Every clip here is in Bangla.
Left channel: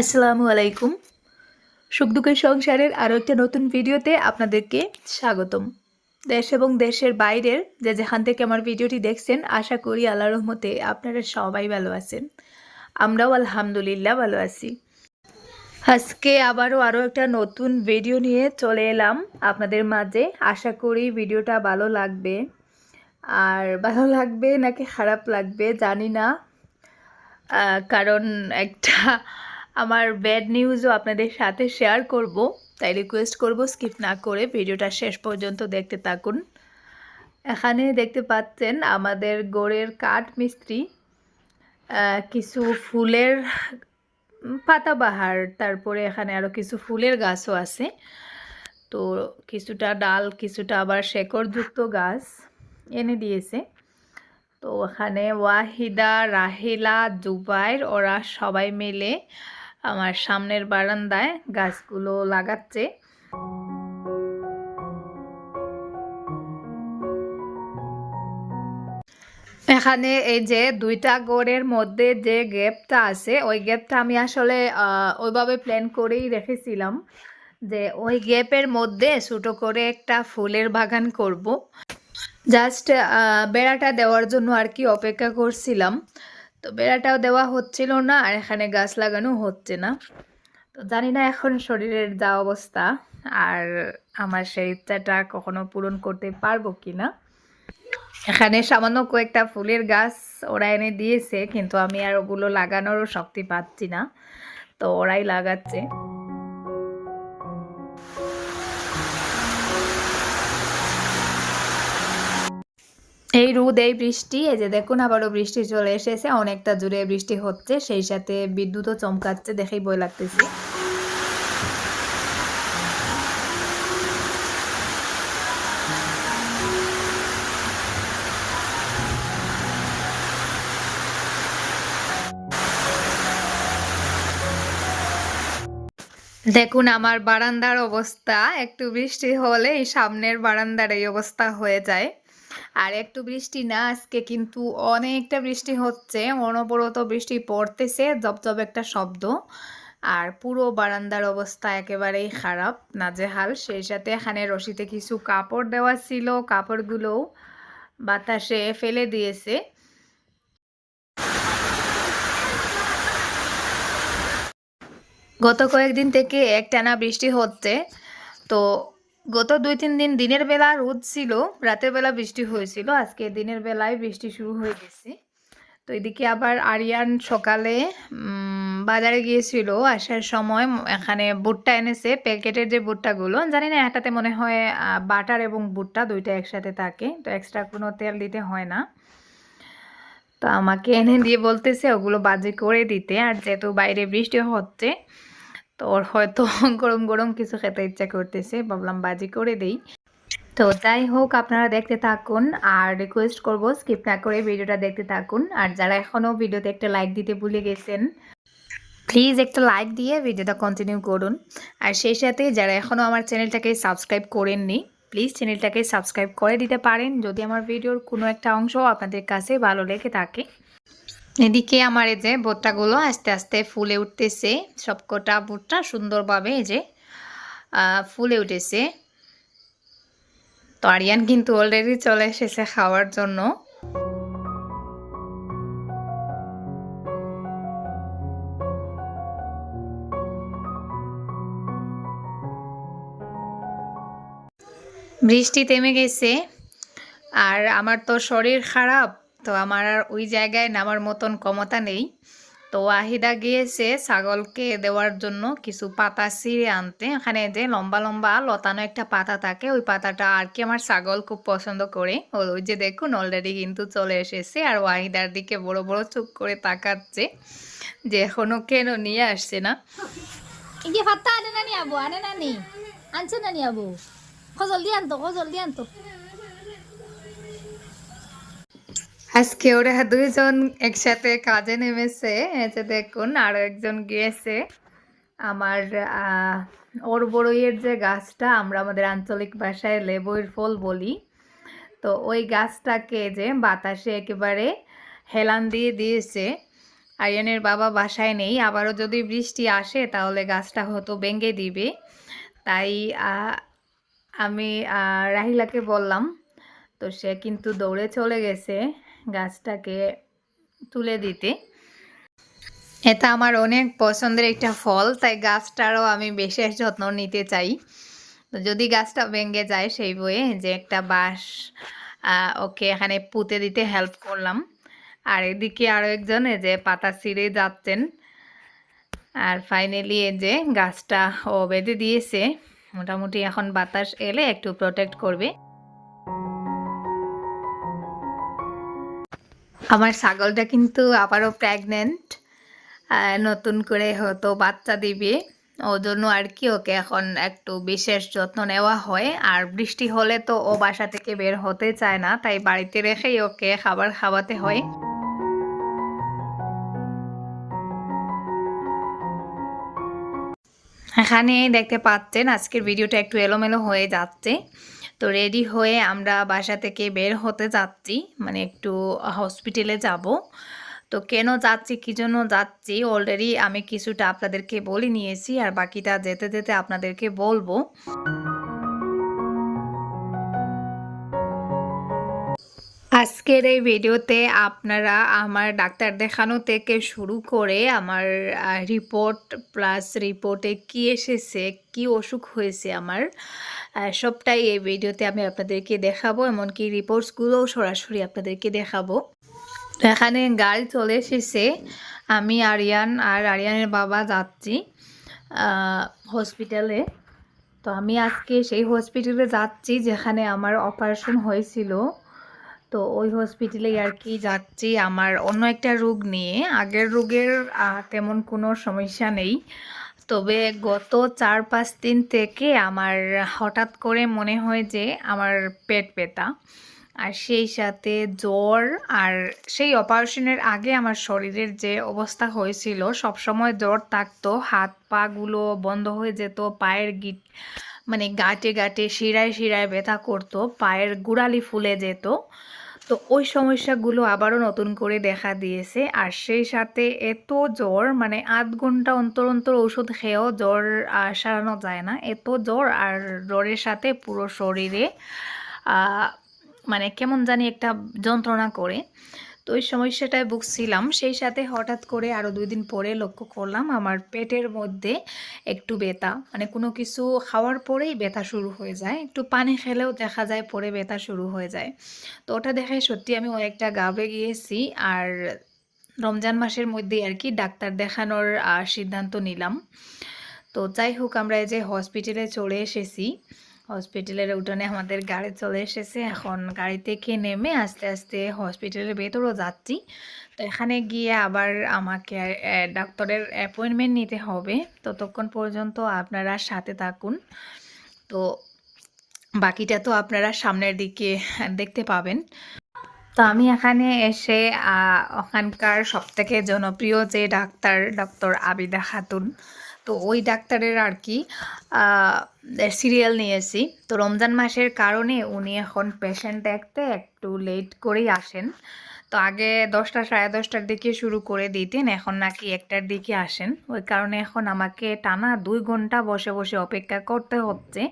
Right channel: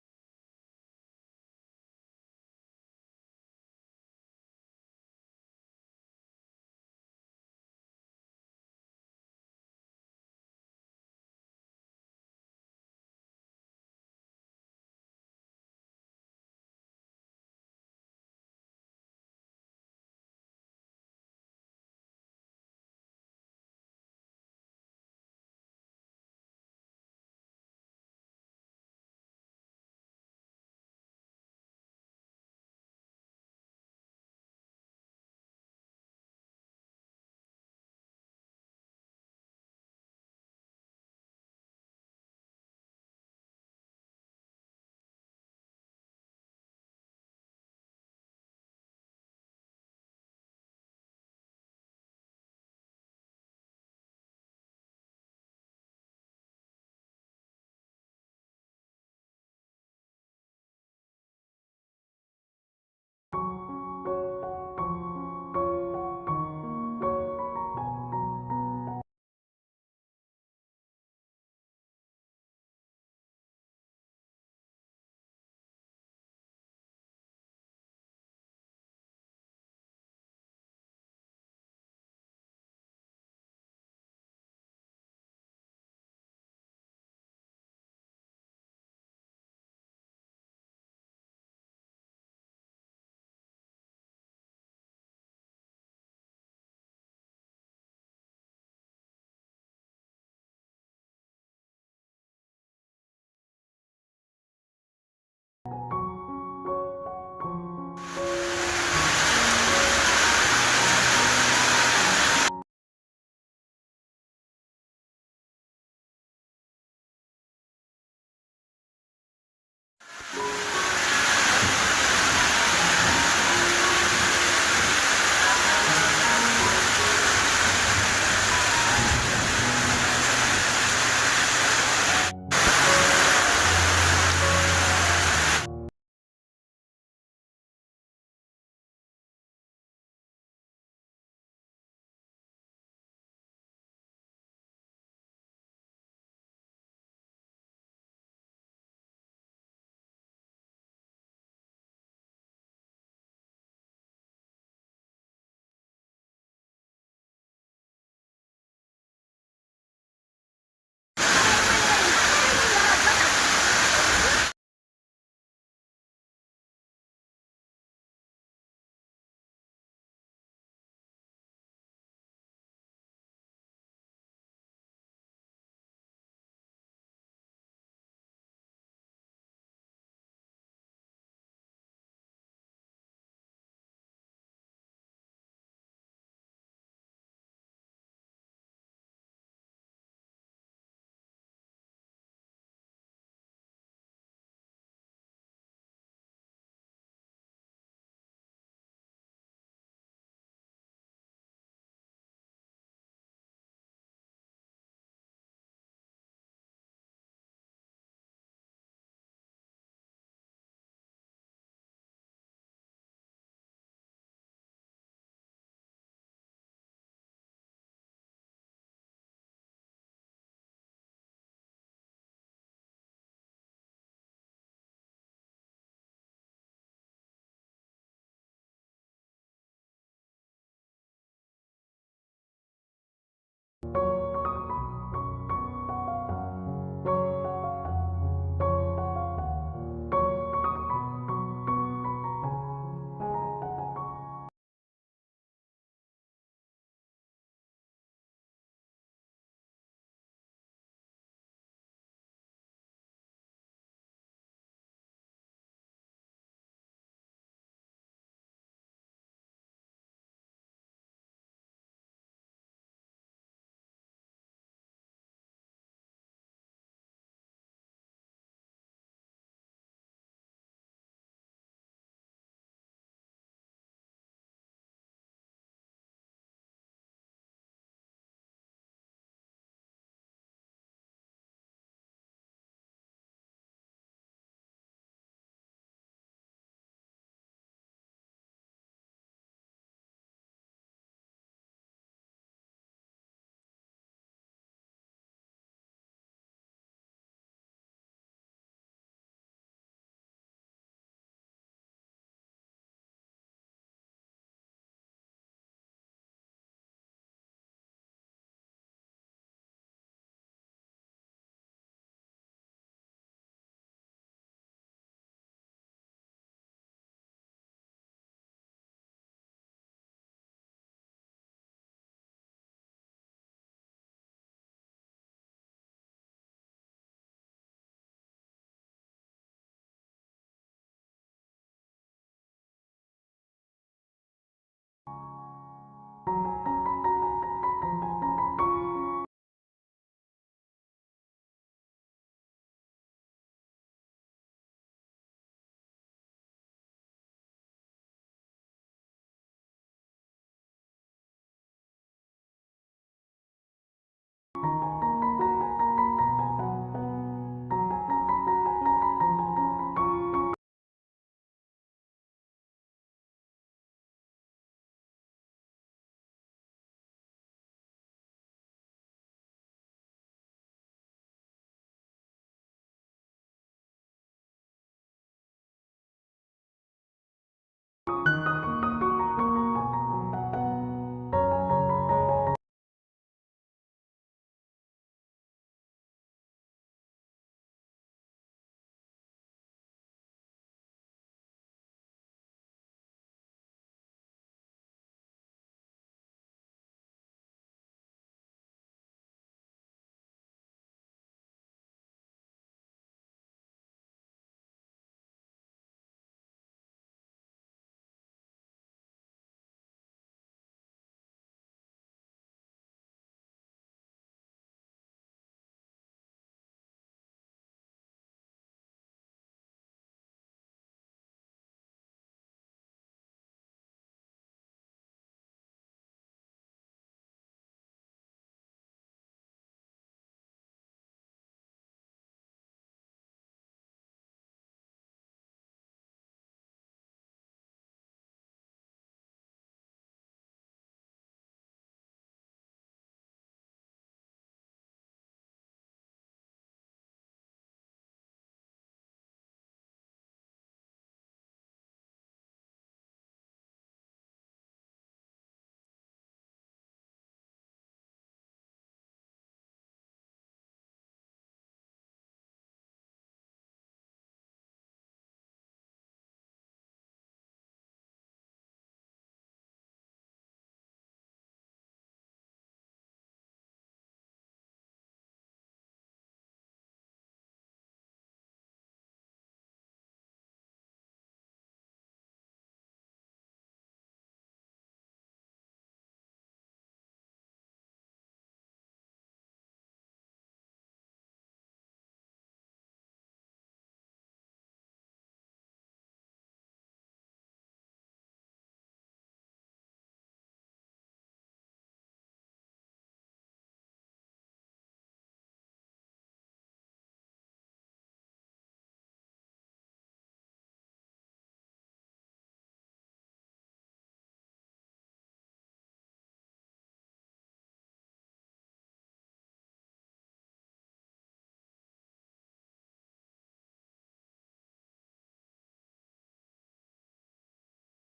আসসালামু আলাইকুম সুখ দুঃখের সংসারের আরও একটা নতুন ভিডিওতে আপনাদেরকে স্বাগতম। দেশ এবং দেশের বাইরের যে যেখান থেকে আমার ভিডিওটি দেখছেন, আশা করি আল্লাহ রহমতে আপনারা সবাই ভালো আছেন। আমরাও আলহামদুলিল্লাহ ভালো আছি। আজকে আবারও আরও একটা নতুন ভিডিও নিয়ে চলে এলাম আপনাদের মাঝে। আশা করি ভিডিওটা ভালো লাগবে। আর ভালো লাগবে নাকি খারাপ লাগবে জানি না। কারণ একটা আমার ব্যাড নিউজও আপনাদের সাথে শেয়ার করব। তাই রিকোয়েস্ট করব স্কিপ না করে ভিডিওটা শেষ পর্যন্ত দেখতে থাকুন। এখানে দেখতে পাচ্ছেন আমাদের গোড়ের কাঠ মিস্ত্রি কিছু ফুলের পাতাবাহার, তারপরে এখানে আরও কিছু ফুলের গাছও আছে। তো কিছুটা ডাল, কিছুটা আবার শেকড়যুক্ত গাছ এনে দিয়েছে। তো ওখানে ওয়াহিদা, রাহিলা, জুবাইর, ওরা সবাই মিলে আমার সামনের বারান্দায় গাছগুলো লাগাচ্ছে। এখানে এই যে দুইটা গড়ের মধ্যে যে গ্যাপটা আছে, ওই গ্যাপটা আমি আসলে ওইভাবে প্ল্যান করেই রেখেছিলাম যে ওই গ্যাপের মধ্যে ছোটো করে একটা ফুলের বাগান করব। জাস্ট বেড়াটা দেওয়ার জন্য আর কি অপেক্ষা করছিলাম। তো বেড়াটাও দেওয়া হচ্ছিল না আর এখানে গাছ লাগানো হচ্ছে না। তো জানি না এখন শরীরের যা অবস্থা আর আমার সেই ইচ্ছাটা কখনো পূরণ করতে পারব কি না। এখানে সামান্য কয়েকটা ফুলের গাছ ওরা এনে দিয়েছে, কিন্তু আমি আর ওগুলো লাগানোরও শক্তি পাচ্ছি না। তো ওরাই লাগাচ্ছে। এই রোদ এই বৃষ্টি, এই যে দেখুন আবারও বৃষ্টি চলে এসেছে, অনেকটা জুড়ে বৃষ্টি হচ্ছে, সেই সাথে বিদ্যুৎও চমকাচ্ছে দেখেই বই লাগতেছে। দেখুন আমার বারান্দার অবস্থা, একটু বৃষ্টি হলে এই সামনের বারান্দার এই অবস্থা হয়ে যায়। আর একটু বৃষ্টি না, আজকে কিন্তু অনেকটা বৃষ্টি হচ্ছে। অনবরত বৃষ্টি পড়তেছে জবজব একটা শব্দ। আর পুরো বারান্দার অবস্থা একেবারেই খারাপ, নাজেহাল। সেই সাথে এখানে রশিতে কিছু কাপড় দেওয়া ছিল, কাপড়গুলোও বাতাসে ফেলে দিয়েছে। গত কয়েকদিন থেকে একটানা বৃষ্টি হচ্ছে, তো গত দুই তিন দিন দিনের বেলা রোদ ছিল, রাতের বেলা বৃষ্টি হয়েছিল, আজকে দিনের বেলায় বৃষ্টি শুরু হয়ে গেছে। তো এদিকে আবার আরিয়ান সকালে বাজারে গিয়েছিল, আসার সময় এখানে ভুট্টা এনেছে, প্যাকেটের যে ভুট্টাগুলো, জানি না, একটাতে মনে হয় বাটার এবং ভুট্টা দুইটা একসাথে থাকে, তো এক্সট্রা কোনো তেল দিতে হয় না। তো আমাকে এনে দিয়ে বলতেছে, ওগুলো বাজে করে দিতে, আর যেহেতু বাইরে বৃষ্টি হচ্ছে তো ওর হয়তো গরম গরম কিছু খেতে ইচ্ছা করতেছে, ভাবলাম বাজি করে দেই। তো যাই হোক, আপনারা দেখতে থাকুন আর রিকোয়েস্ট করব স্কিপ না করে ভিডিওটা দেখতে থাকুন। আর যারা এখনও ভিডিওতে একটা লাইক দিতে ভুলে গেছেন প্লিজ একটা লাইক দিয়ে ভিডিওটা কন্টিনিউ করুন। আর সেই সাথে যারা এখনও আমার চ্যানেলটাকে সাবস্ক্রাইব করেননি প্লিজ চ্যানেলটাকে সাবস্ক্রাইব করে দিতে পারেন। যদি আমার ভিডিওর কোনো একটা অংশ আপনাদের কাছে ভালো লেগে থাকে এদিকে আমার এই যে ভুট্টাগুলো আস্তে আস্তে ফুলে উঠতেছে, সবকটা ভুট্টা সুন্দরভাবে এই যে ফুলে উঠেছে। তো আরিয়ান কিন্তু অলরেডি চলে এসেছে খাওয়ার জন্য। বৃষ্টি থেমে গেছে, আর আমার তো শরীর খারাপ। তো আমার আর ওই জায়গায় নামার মতন ক্ষমতা নেই। তো ওয়াহিদা গিয়েছে ছাগলকে দেওয়ার জন্য কিছু পাতা ছিঁড়ে আনতে। এখানে যে লম্বা লম্বা লতানো একটা পাতা থাকে, ওই পাতাটা আর কি আমার ছাগল খুব পছন্দ করে। ওই যে দেখুন অলরেডি কিন্তু চলে এসেছে। আর ওয়াহিদার দিকে বড় বড় চুপ করে তাকাচ্ছে যে এখনও কেন নিয়ে আসছে না। আবু কো জলদি আনতো কো জলদি আনতো। আজকে ওরা দুইজন একসাথে কাজে নেমেছে। যে দেখুন, আরও একজন গিয়েছে। আমার ওর বড়ইয়ের যে গাছটা, আমরা আমাদের আঞ্চলিক ভাষায় লেবুর ফল বলি। তো ওই গাছটাকে যে বাতাসে একেবারে হেলান দিয়ে দিয়েছে। আরিয়ানের বাবা বাসায় নেই। আবারও যদি বৃষ্টি আসে, তাহলে গাছটা হয়তো ভেঙে দিবে। তাই আমি রাহিলাকে বললাম, তো সে কিন্তু দৌড়ে চলে গেছে। গাছটাকে তুলে দিতে। এটা আমার অনেক পছন্দের একটা ফল, তাই গাছটারও আমি বিশেষ যত্ন নিতে চাই। যদি গাছটা ভেঙে যায় সেই বয়ে যে একটা বাঁশ ওকে এখানে পুঁতে দিতে হেল্প করলাম। আর এদিকে আরও একজন এই যে পাতা ছিঁড়ে যাচ্ছেন। আর ফাইনালি এই যে গাছটা ও বেঁধে দিয়েছে। মোটামুটি এখন বাতাস এলে একটু প্রোটেক্ট করবে। আমার ছাগলটা কিন্তু আবারও প্রেগনেন্ট নতুন করে হয়তো বাচ্চা দিবে। ওর জন্য আর কি ওকে এখন একটু বিশেষ যত্ন নেওয়া হয়। আর বৃষ্টি হলে তো ও বাসা থেকে বের হতে চায় না, তাই বাড়িতে রেখেই ওকে খাবার খাওয়াতে হয়। এখানে দেখতে পাচ্ছেন, আজকের ভিডিওটা একটু এলোমেলো হয়ে যাচ্ছে। তো রেডি হয়ে আমরা বাসা থেকে বের হতে যাচ্ছি। মানে একটু হসপিটালে যাব। তো কেন যাচ্ছি, কী জন্য যাচ্ছি অলরেডি আমি কিছুটা আপনাদেরকে বলে নিয়েছি আর বাকিটা যেতে যেতে আপনাদেরকে বলব। আজকের এই ভিডিওতে আপনারা আমার ডাক্তার দেখানো থেকে শুরু করে আমার রিপোর্ট প্লাস রিপোর্টে কি এসেছে, কি অসুখ হয়েছে আমার সবটাই এই ভিডিওতে আমি আপনাদেরকে দেখাবো, এমনকি রিপোর্টসগুলোও সরাসরি আপনাদেরকে দেখাবো। এখানে গাড়ি চলে এসেছে। আমি আরিয়ান আর আরিয়ানের বাবা যাচ্ছি হসপিটালে তো আমি আজকে সেই হসপিটালে যাচ্ছি যেখানে আমার অপারেশন হয়েছিল। তো ওই হসপিটালে আর কি যাচ্ছি, আমার অন্য একটা রোগ নিয়ে। আগের রোগের তেমন কোনো সমস্যা নেই। তবে গত চার পাঁচ দিন থেকে আমার হঠাৎ করে মনে হয় যে আমার পেট ব্যথা। আর সেই সাথে জ্বর আর সেই অপারেশনের আগে আমার শরীরের যে অবস্থা হয়েছিল, সবসময় জ্বর থাকতো, হাত পাগুলো বন্ধ হয়ে যেত, পায়ের গিট মানে গাঁটে গাঁটে শিরায় শিরায় ব্যথা করতো, পায়ের গোড়ালি ফুলে যেত। তো ওই সমস্যাগুলো আবারও নতুন করে দেখা দিয়েছে। আর সেই সাথে এত জ্বর মানে আধ ঘণ্টা অন্তর অন্তর ওষুধ খেয়েও জ্বর সারানো যায় না। এত জ্বর আর জ্বরের সাথে পুরো শরীরে মানে কেমন জানি একটা যন্ত্রণা করে। তো ওই সমস্যাটায় ভুগছিলাম। সেই সাথে হঠাৎ করে আরও দুই দিন পরে লক্ষ্য করলাম আমার পেটের মধ্যে একটু ব্যথা। মানে কোনো কিছু খাওয়ার পরেই ব্যথা শুরু হয়ে যায়। একটু পানি খেলেও দেখা যায় পরে ব্যথা শুরু হয়ে যায়। তো ওটা দেখে সত্যি আমি অনেকটা গাবে গিয়েছি। আর রমজান মাসের মধ্যেই আর কি ডাক্তার দেখানোর সিদ্ধান্ত নিলাম। তো যাই হোক, আমরা এই যে হসপিটালে চলে এসেছি। হসপিটালের উঠোনে আমাদের গাড়ি চলে এসেছে। এখন গাড়ি থেকে নেমে আস্তে আস্তে হসপিটালের ভেতরও যাচ্ছি। তো এখানে গিয়ে আবার আমাকে ডাক্তারের অ্যাপয়েন্টমেন্ট নিতে হবে। ততক্ষণ পর্যন্ত আপনারা সাথে থাকুন। তো বাকিটা তো আপনারা সামনের দিকে দেখতে পাবেন। তো আমি এখানে এসে ওখানকার সবথেকে জনপ্রিয় যে ডাক্তার, ডক্টর আবিদা খাতুন তো ওই ডাক্তারের আর কি সিরিয়াল নিয়েছি। তো রমজান মাসের কারণে উনি এখন পেশেন্ট দেখতে একটু লেট করেই আসেন। তো আগে দশটা, সাড়ে দশটার দিকে শুরু করে দিতেন, এখন নাকি একটার দিকে আসেন। ওই কারণে এখন আমাকে টানা দুই ঘণ্টা বসে বসে অপেক্ষা করতে হচ্ছে।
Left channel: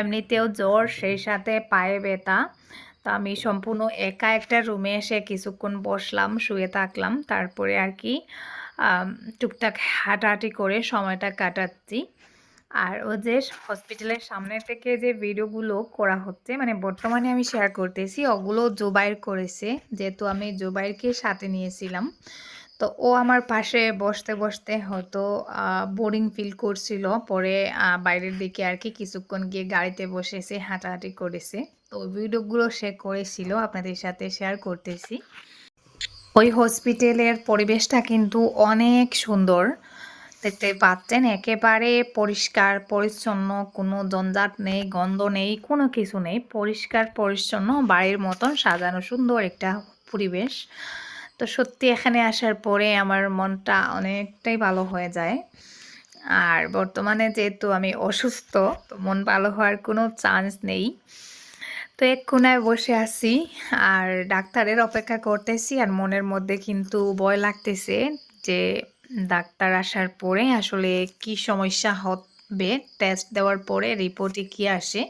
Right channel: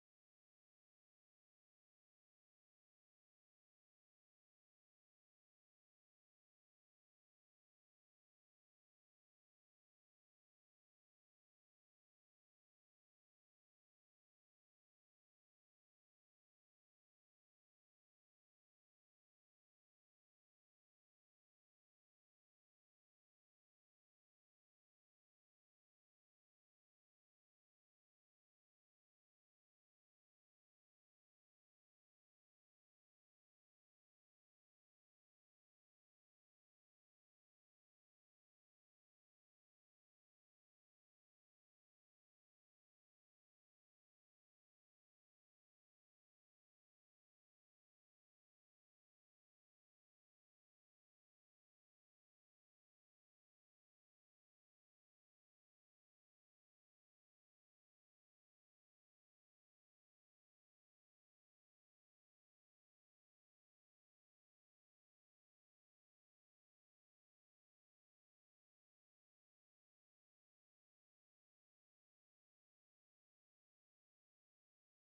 এমনিতেও জ্বর, সেই সাথে পায়ে ব্যথা। তো আমি সম্পূর্ণ একা একটা রুমে এসে কিছুক্ষণ বসলাম, শুয়ে থাকলাম। তারপরে আর কি টুকটাক হাঁটাহাঁটি করে সময়টা কাটাচ্ছি। আর ও যে হসপিটালের সামনে থেকে যে ভিডিওগুলো করা হচ্ছে মানে বর্তমানে আমি শেয়ার করতেছি, ওগুলো জোবাইর করেছে। যেহেতু আমি জোবাইরকে সাথে নিয়েছিলাম। তো ও আমার পাশে বসতে বসতে হয়তো বোরিং ফিল করছিল। পরে বাইরের দিকে আর কি কিছুক্ষণ গিয়ে গাড়িতে বসেছে, হাঁটাহাঁটি করেছে। তো ভিডিওগুলো সে করেছিল, আপনাদের সাথে শেয়ার করতেছি। ওই হসপিটালের পরিবেশটা কিন্তু অনেক সুন্দর। দেখতে পাচ্ছেন, একেবারে পরিষ্কার, পরিচ্ছন্ন, কোনো জঞ্জাট নেই, গন্ধ নেই, কোনো কিছু নেই। পরিষ্কার, পরিচ্ছন্ন, বাড়ির মতন সাজানো সুন্দর একটা পরিবেশ। তো সত্যি এখানে আসার পরে আমার মনটা অনেকটাই ভালো হয়ে যায়। আর বর্তমানে যেহেতু আমি অসুস্থ, তো মন ভালো হওয়ার কোনো চান্স নেই। তো এক কোনায় বসে আছি, আর ডাক্তারের অপেক্ষা করতেছি, আর মনের মধ্যে কিন্তু ভয় লাগতেছে যে ডাক্তার আসার পরে আসলে কি সমস্যা হবে টেস্ট দেওয়ার পরে রিপোর্টে কি আসে।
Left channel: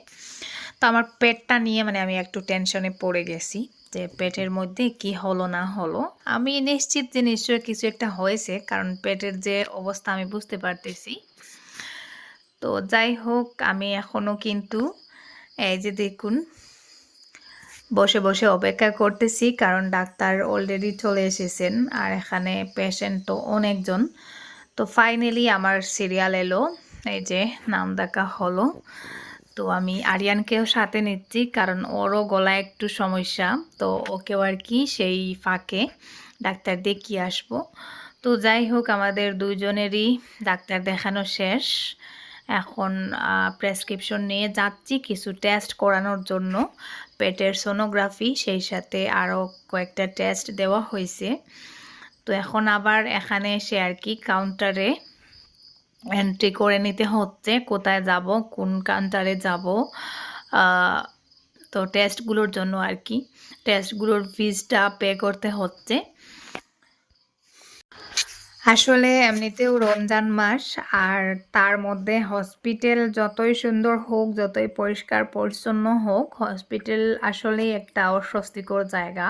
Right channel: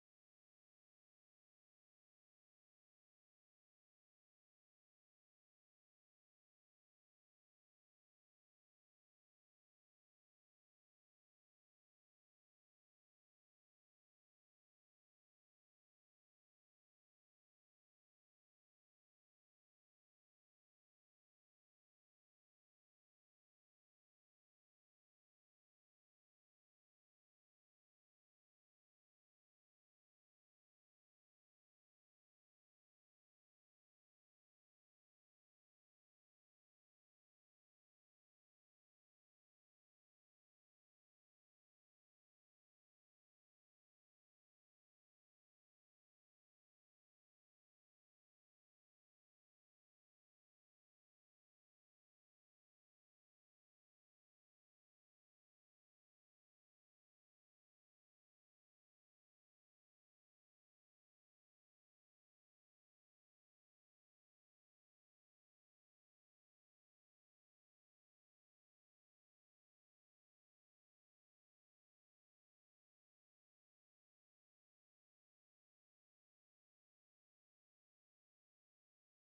তো আমার পেটটা নিয়ে মানে আমি একটু টেনশনে পড়ে গেছি যে পেটের মধ্যে কি হলো, না হলো। আমি নিশ্চিত যে নিশ্চয়ই কিছু একটা হয়েছে, কারণ পেটের যে অবস্থা আমি বুঝতে পারতেছি। তো যাই হোক, আমি এখনও কিন্তু, এই যে দেখুন বসে বসে অপেক্ষা করতেছি কারণ ডাক্তার অলরেডি চলে এসেছেন আর এখানে পেশেন্ট তো অনেকজন। তো ফাইনালি আমার সিরিয়াল এলো, এই যে নাম দেখা হলো। তো আমি আরিয়ানকেও সাথে নিচ্ছি কারণ ওরও গলায় একটু সমস্যা, তো ওকেও আর কি সেই ফাঁকে ডাক্তার দেখিয়ে আসব। তো যাই হোক, আমাদের দুইজনেরই ডাক্তার দেখানো শেষ। এখন প্রেসক্রিপশন নিয়ে যাচ্ছি কিছু টেস্ট করানোর জন্য। পেটের সোনোগ্রাফি সেই সাথে আরও কয়েকটা টেস্ট দেওয়া হয়েছে তো এখন আবার এখানে এসে আর কি কাউন্টারে এন্ট্রি করে নিতে হচ্ছে, কোথায় যাব, কোন কাউন্টারে যাব তো টেস্টগুলোর জন্য আর কি। টেস্টগুলোর ফিজটা পে করতে হচ্ছে। আসলে এমনিতেও রমজান মাস, আর তার মধ্যে হসপিটাল যতই সুন্দর হোক, যতই পরিষ্কার পরিচ্ছন্ন হোক হসপিটাল আসলেই একটা অস্বস্তিকর জায়গা।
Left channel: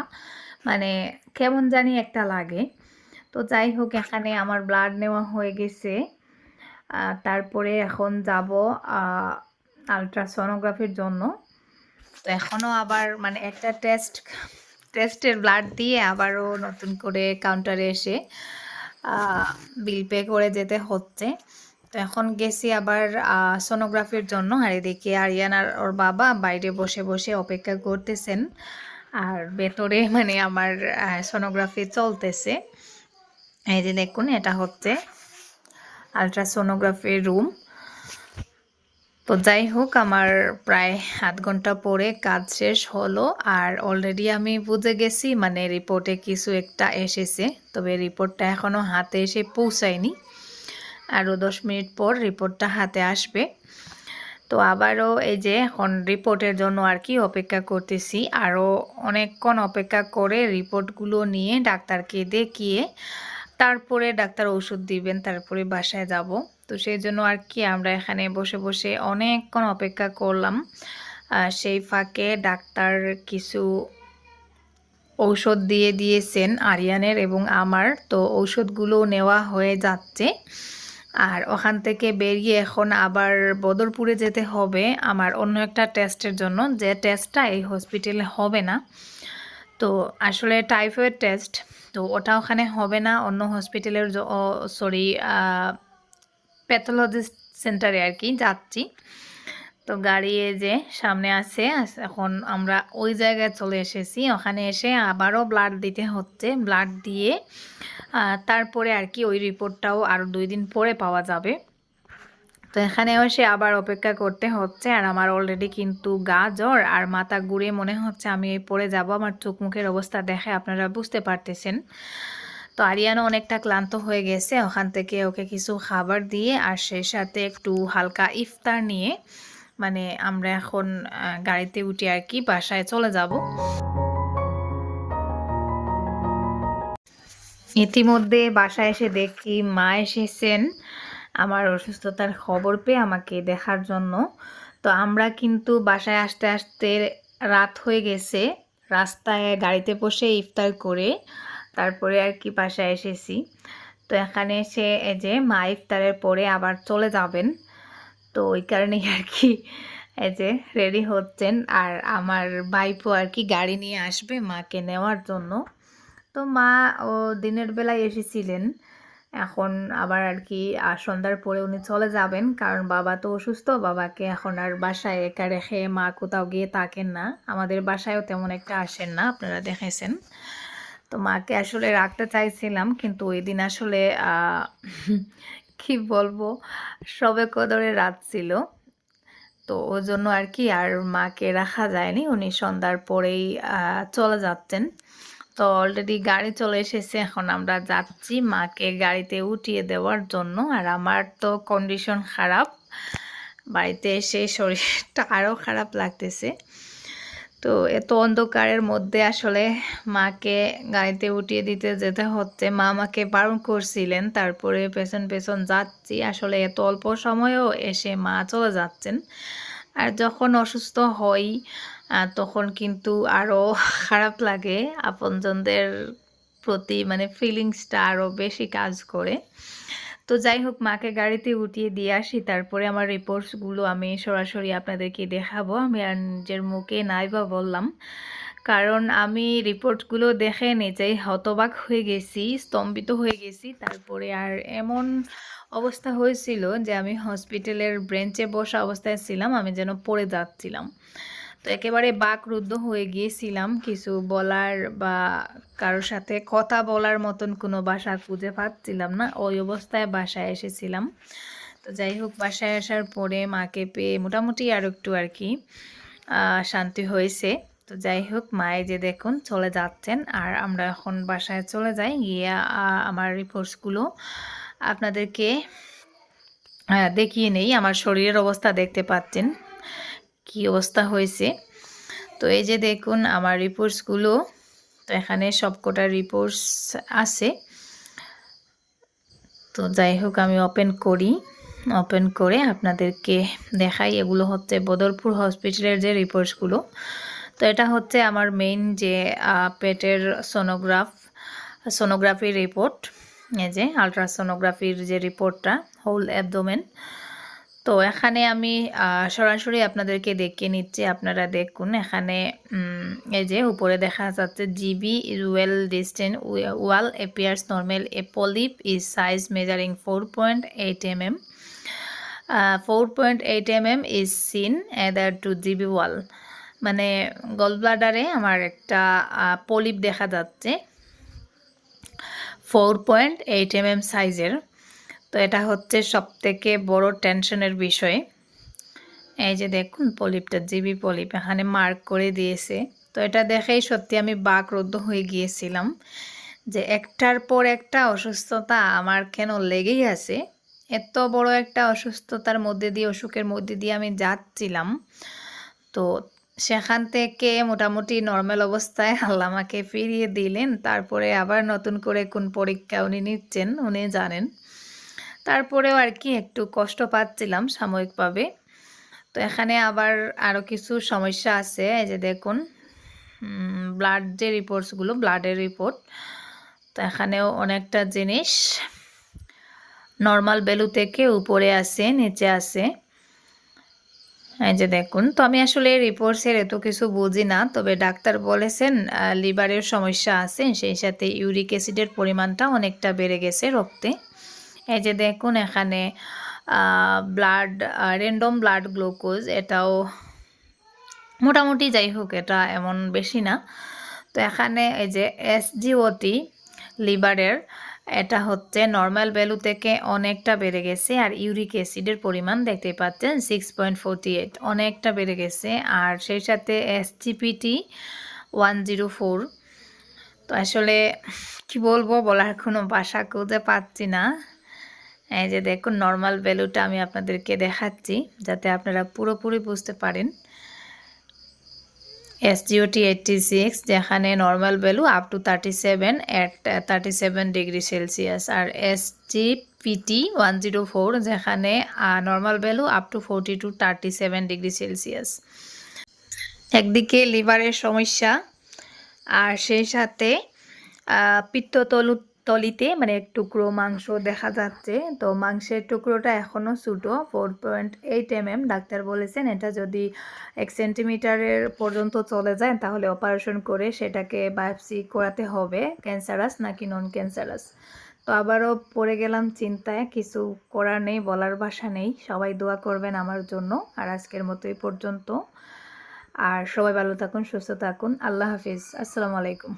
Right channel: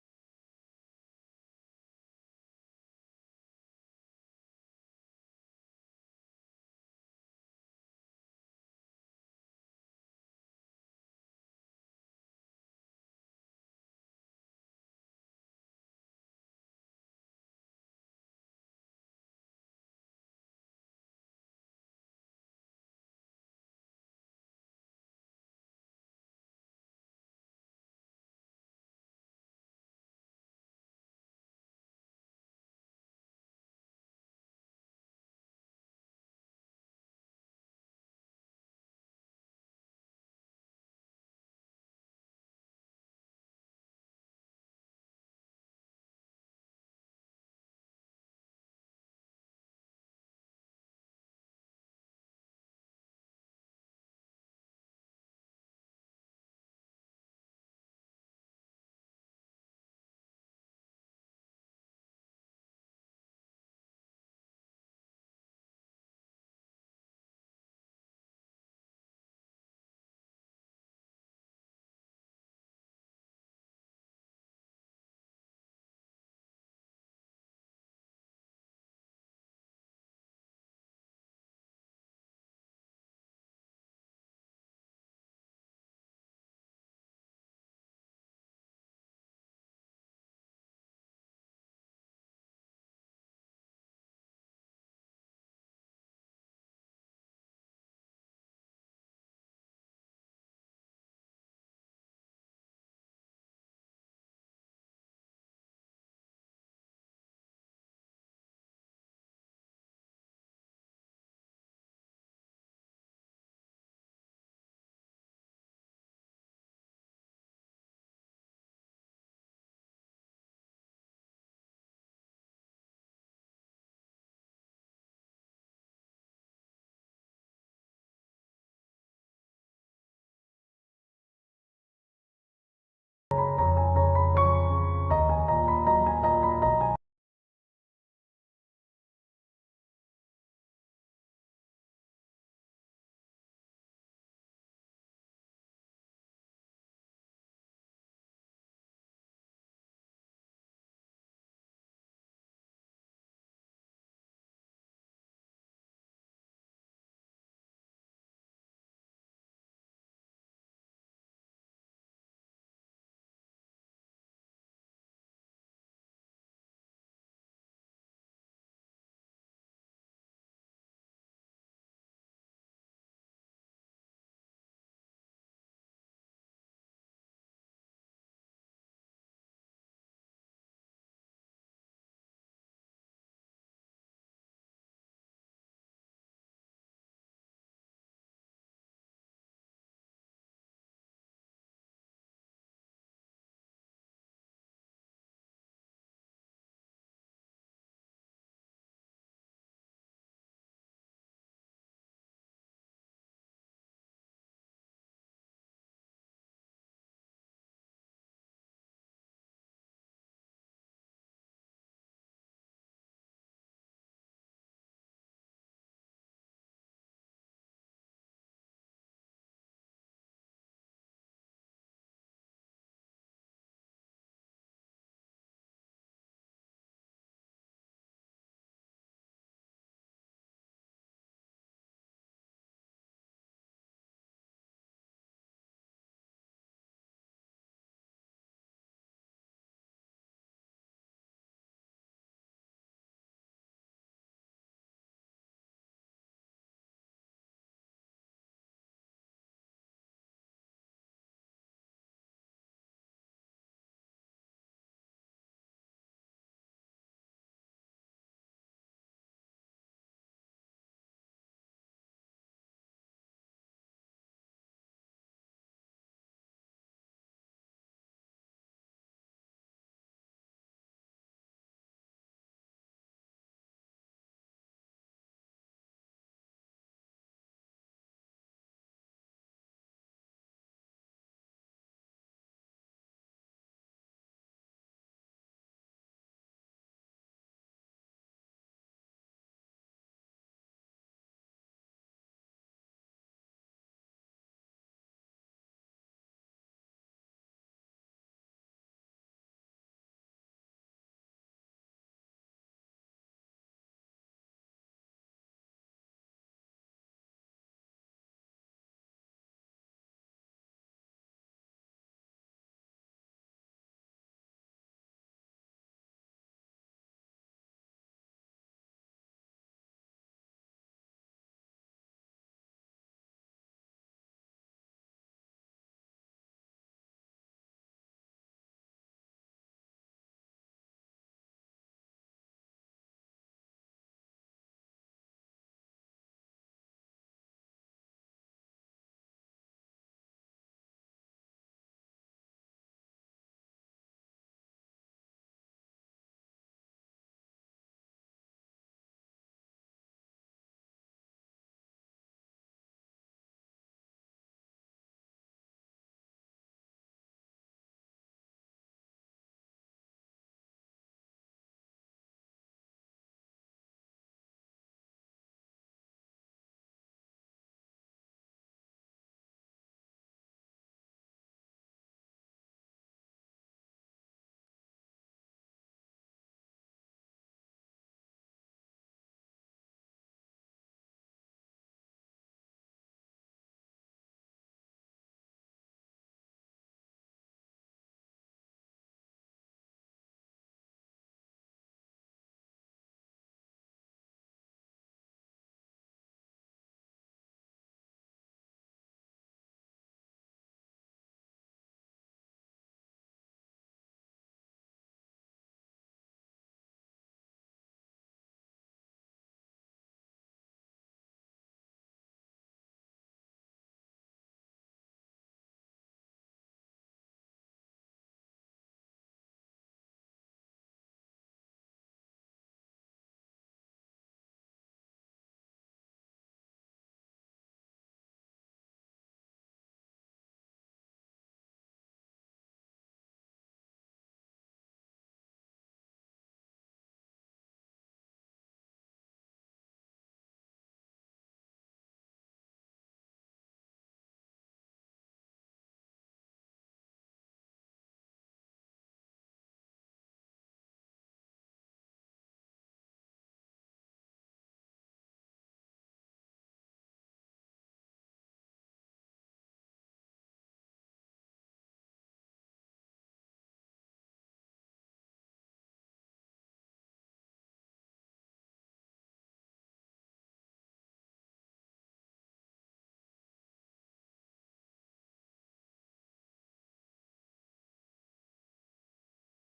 মানে কেমন জানি একটা লাগে। তো যাই হোক, এখানে আমার ব্লাড নেওয়া হয়ে গেছে। তারপরে এখন যাব আলট্রাসোনোগ্রাফির জন্য। তো এখনও আবার মানে একটা টেস্ট টেস্টের ব্লাড দিয়ে আবারও নতুন করে কাউন্টারে এসে বিল পে করে যেতে হচ্ছে। তো এখন গেছি আবার সোনোগ্রাফির জন্য। আর এদিকে আরিয়ানার ওর বাবা বাইরে বসে বসে অপেক্ষা করতেছেন। আর ভেতরে মানে আমার সোনোগ্রাফি চলতেছে। এই যে দেখুন, এটা হচ্ছে আলট্রাসোনোগ্রাফির রুম তো যাই হোক আমার প্রায় আধ ঘণ্টা পরে কাজ শেষ হলো আর অলরেডি আমি বুঝে গেছি মানে রিপোর্টে কিছু একটা এসেছে। তবে রিপোর্টটা এখনও হাতে এসে পৌঁছায়নি। আরও দশ মিনিট পর রিপোর্টটা হাতে আসবে। তো আবারও এই যে এখন রিপোর্টের জন্য আর কি অপেক্ষা করতেছি। আরও অনেকক্ষণ অপেক্ষা করে রিপোর্টগুলো নিয়ে ডাক্তারকে দেখিয়ে তারপরে ডাক্তার ওষুধ দিবেন, তারপরে বাসায় যাব। তো সেই জন্য আর কি আমরা এখানে বসে বসে অনেকক্ষণ অপেক্ষা করলাম। সেই ফাঁকে ডাক্তার কিছু ঔষধ দিয়ে দিয়েছেন আরিয়ানের এবং আমার। তো ঔষধগুলো নেওয়া হয়ে যাচ্ছে। আর ওখান থেকে বেরিয়ে এখন আবার বদরপুরে যেতে হবে। আমার অন্য একটা টেস্টের জন্য। যে টেস্টটা এই হসপিটালে হবে না। তো আসলে টাইফয়েড টেস্ট তো ওটা ওখানে হবে না, অন্য হসপিটালের সরি প্যাথোলজিস্ট সেন্টারে আর কি যাচ্ছি। তো গাড়ি যে সামনে আছে এখন আমরা ওই জায়গায় চলে এসেছি। ওখানে এসে আবারও ব্লাড দিতে হচ্ছে ব্লাড দিয়ে তারপরে আর কি ওই রিপোর্টটাও আরও দুই দিন পরে পাওয়া যাবে। তো এখানে এসে আবার অপেক্ষা করতে হচ্ছে। আর আমার অলরেডি কিন্তু গা জ্বর আর মাথা ঘুরে মনে হচ্ছে আমি এই পড়ে যাব। আমার চোখ মুখের অবস্থা দেখে আপনারা বুঝতে পারতেছেন। তো আরিয়ানও অনেকটা ক্লান্ত হয়ে গেছে। ওখান থেকে ওকে কিছু খাবার দিয়ে আর সেই সাথে একটু হালকা ইফতার নিয়ে মানে আমরা এখন গাড়িতে উঠে আর কি বাসায় চলে যাব। ইতিমধ্যে বাসায় এসে দেখি মা এসেছেন। আমার অসুস্থতার খবর পেয়ে আমাকে দেখার জন্য। তো আমরা কিন্তু বাসায় আসতে আসতে রাত হয়ে গেছে। রাস্তায় গাড়িতে বসে ইফতার করে তারপরে আর কি বাসায় এসেছি। তো এখানে এসে এই যে মা ইফতারের পরে আবার চলে যাবেন। তো ওই কারণেই আর কি এই যে রেডি হচ্ছেন। আর আমার ভাইপো আর কি গাড়ি নিয়ে আসবে মাকে নেওয়ার জন্য। তো মা ও দিনের বেলায় এসেছিলেন। এখন আবার আর কি সন্ধ্যার পরে উনি চলে যাবেন। কারণ বাবা তো অসুস্থ, বাবাকে এখন আর বাসায় একা রেখে মা কোথাও গিয়ে থাকেন না। আমাদের বাসায়ও তেমন একটা আসেন না, আপনারা দেখেছেন। তো মাকে আসলে রাখতে চাইছিলাম, কিন্তু ওই দিন আসলে কি বলব সবে কদরে রাত ছিল। তো ওই জন্য আর কি আর মাকে রাখা যায়নি। উনি সন্ধ্যার পরেই চলে যাচ্ছেন। তো অলরেডি গাড়ি চলে এসেছে, এখন আমরা যাচ্ছি মাকে গাড়িতে উঠিয়ে দেওয়ার জন্য। আর আমার তো কন্ডিশন খারাপ, বাড়িতে এসে শরীরটা আরও খারাপ লাগতেছে। তো এত অন্ধকারের মধ্যে আসলে মাকে গাড়িতে উঠিয়ে দিতে যেতে হচ্ছে। মা আমাকে বারণ করছিলেন, তারপরে পেছন পেছন যাচ্ছি। আসলে এত অল্প সময়েও এসে মা চলে যাচ্ছেন। আর যখন অসুস্থ হই তখন কিন্তু আরও খারাপ লাগে আপনজনদের প্রতি মানে ফিলিংসটা আরও বেশি কাজ করে। তো যাই হোক, মাকে গাড়িতে উঠিয়ে দিয়ে আসি, তারপরে আমার রিপোর্টসগুলো আমি সরাসরি আপনাদেরকে দেখাবো। আমি আর নিজের মুখে নাই বা বললাম। কারণ আমি রিপোর্টগুলো দেখে নিজেই হতবাক হয়ে গেছি, স্তম্ভিত হয়ে গেছি। তারপরে আর এমন অবস্থা হয়েছিল যে আমি হসপিটালের ব্রেঞ্চে বসা অবস্থায় ছিলাম, আমি যেন পড়ে যাচ্ছিলাম। তো একেবারে বাকরুদ্ধ হয়ে গিয়েছিলাম কিছু বলার বা কারোর সাথে কথা বলার মতন কোনো বাসা খুঁজে পাচ্ছিলাম না। ওই অবস্থায় বাসায় এসেছিলাম। তো যাই হোক, বাসায় আসার পরে মাকে পেয়ে মোটামুটি আর একটু আর কি শান্তি হয়েছে। তো যাই হোক, মায়ে যে দেখুন চলে যাচ্ছেন আর আমরা এখন বাসায় চলে যাই। গিয়ে আমার রিপোর্টসগুলো আপনাদেরকে দেখিয়ে নেই। আমার শরীরের অবস্থা দেখতে পাচ্ছেন। কি অবস্থা হয়েছে? তো এই যে দেখুন, আমার রিপোর্টসগুলো তো এখানে সবকটা রিপোর্টস আছে। তো যাই হোক, আমি ওপেন করি। ওপেন করে আপনাদেরকে দেখাই। এগুলো হচ্ছে বদরপুর হসপিটালের যে রিপোর্টসগুলো তো এটা হচ্ছে আমার মেইন যে পেটের সোনোগ্রাফ সোনোগ্রাফির রিপোর্ট এই যে আলট্রাসোনোগ্রাফির যে রিপোর্টটা হোল অ্যাবডোমেন তো এখানে আমি সরাসরি আপনাদেরকে দেখিয়ে নিচ্ছি, আপনারা দেখুন এখানে এই যে উপরে দেখা যাচ্ছে GB is well distended wall appears normal a polyp is size measuring four point eight m m four point eight m m is seen either to GB wall মানে গল ব্লাডারে আমার একটা পলিপ দেখা যাচ্ছে। Four point eight m m সাইজের তো এটা হচ্ছে সব থেকে বড় টেনশনের বিষয়। এই যে দেখুন পলিপটা, জিবি পলিপ, এখানে মার্ক করে দিয়েছে। তো এটা দেখেই সত্যি আমি বাকরুদ্ধ হয়ে গিয়েছিলাম যে একটার পর একটা অসুস্থতা আমার কেন লেগেই আছে। এত বড় একটা অসুস্থতার মধ্যে দিয়ে, অসুখের মধ্যে দিয়ে আমি যাচ্ছিলাম। তো সেখান থেকে মোটামুটি নর্মাল অবস্থায় আল্লাহ আমাকে ফিরিয়ে দিলেন। তারপরে আবার নতুন করে কোন পরীক্ষা উনি নিচ্ছেন, উনি জানেন। তারপরেও আর কি একটু কষ্ট পাচ্ছিলাম সাময়িকভাবে। তো এখানে আবার আরও কিছু সমস্যা আছে, এই যে দেখুন ব্লাড যে রিপোর্টসগুলো ব্লাডের রিপোর্ট তো এখানেও অনেকটা জিনিস নর্মাল ভ্যালু থেকে উপরে আছে, নিচে আছে। এই যে দেখুন, তো আমি আসলে রিপোর্টসের এত কিছু বুঝি না, তবে ডাক্তার বলেছেন লিভারের সমস্যা আছে, সেই সাথে ইউরিক অ্যাসিডের পরিমাণটা অনেকটা বেড়ে গেছে রক্তে। এই যে দেখুন এখানে ব্লাড র্যান্ডম ব্লাড গ্লুকোজ এটাও মোটামুটি যাই হোক এটা এমন বেশি না। তো এখানে এই যে এসজিওটি লিভারের এটা হচ্ছে নর্মাল ভ্যালু থেকে অনেকটা বেড়ে গেছে আর ইউরিক অ্যাসিডের পরিমাণ দেখতে পাচ্ছেন সিক্স পয়েন্ট ফোরটি এইট অনেকটা বেড়ে গেছে। আর সেই সাথে এসজিপিটি ওয়ান জিরো ফোর তো আসলে কি বলব বলার কোনো ভাষা খুঁজে পাচ্ছি না। এই যে দেখুন নর্মাল ভ্যালুটা আমি আপনাদেরকে দেখাচ্ছি যাতে আপনারা পুরোপুরি বুঝতে পারেন। এসজিওটি এইটটি সিক্স যেখানে normal value up to thirty seven at thirty seven degree celsius R SGPT one zero four যেখানে normal value up to forty two thirty seven degree celsius একদিকে লিভারের সমস্যা আর সেই সাথে আহ, পিত্ততলু তলিতে মানে টুকরো মাংস দেখা যাচ্ছে। তো মাংসের টুকরোটা এখনও ছোটো four point eight m m doctor বলেছেন এটা যদি এক সেন্টিমিটারের পর্যন্ত চলে যায় তাহলে অপারেশন করে সেটাকে বায়োপসি করাতে হবে ক্যান্সারাস নাকি নন ক্যান্সারাস তো আবারও পড়ে গেলাম চিন্তায়, কিছু করার নেই, বলার ভাষা নেই। সবাই দোয়া করবেন আমার জন্য, আর আজকের মতো এই পর্যন্ত। আর সবাই ভালো থাকুন, সুস্থ থাকুন। আল্লাহ হাফিজ। আসসালামু আলাইকুম।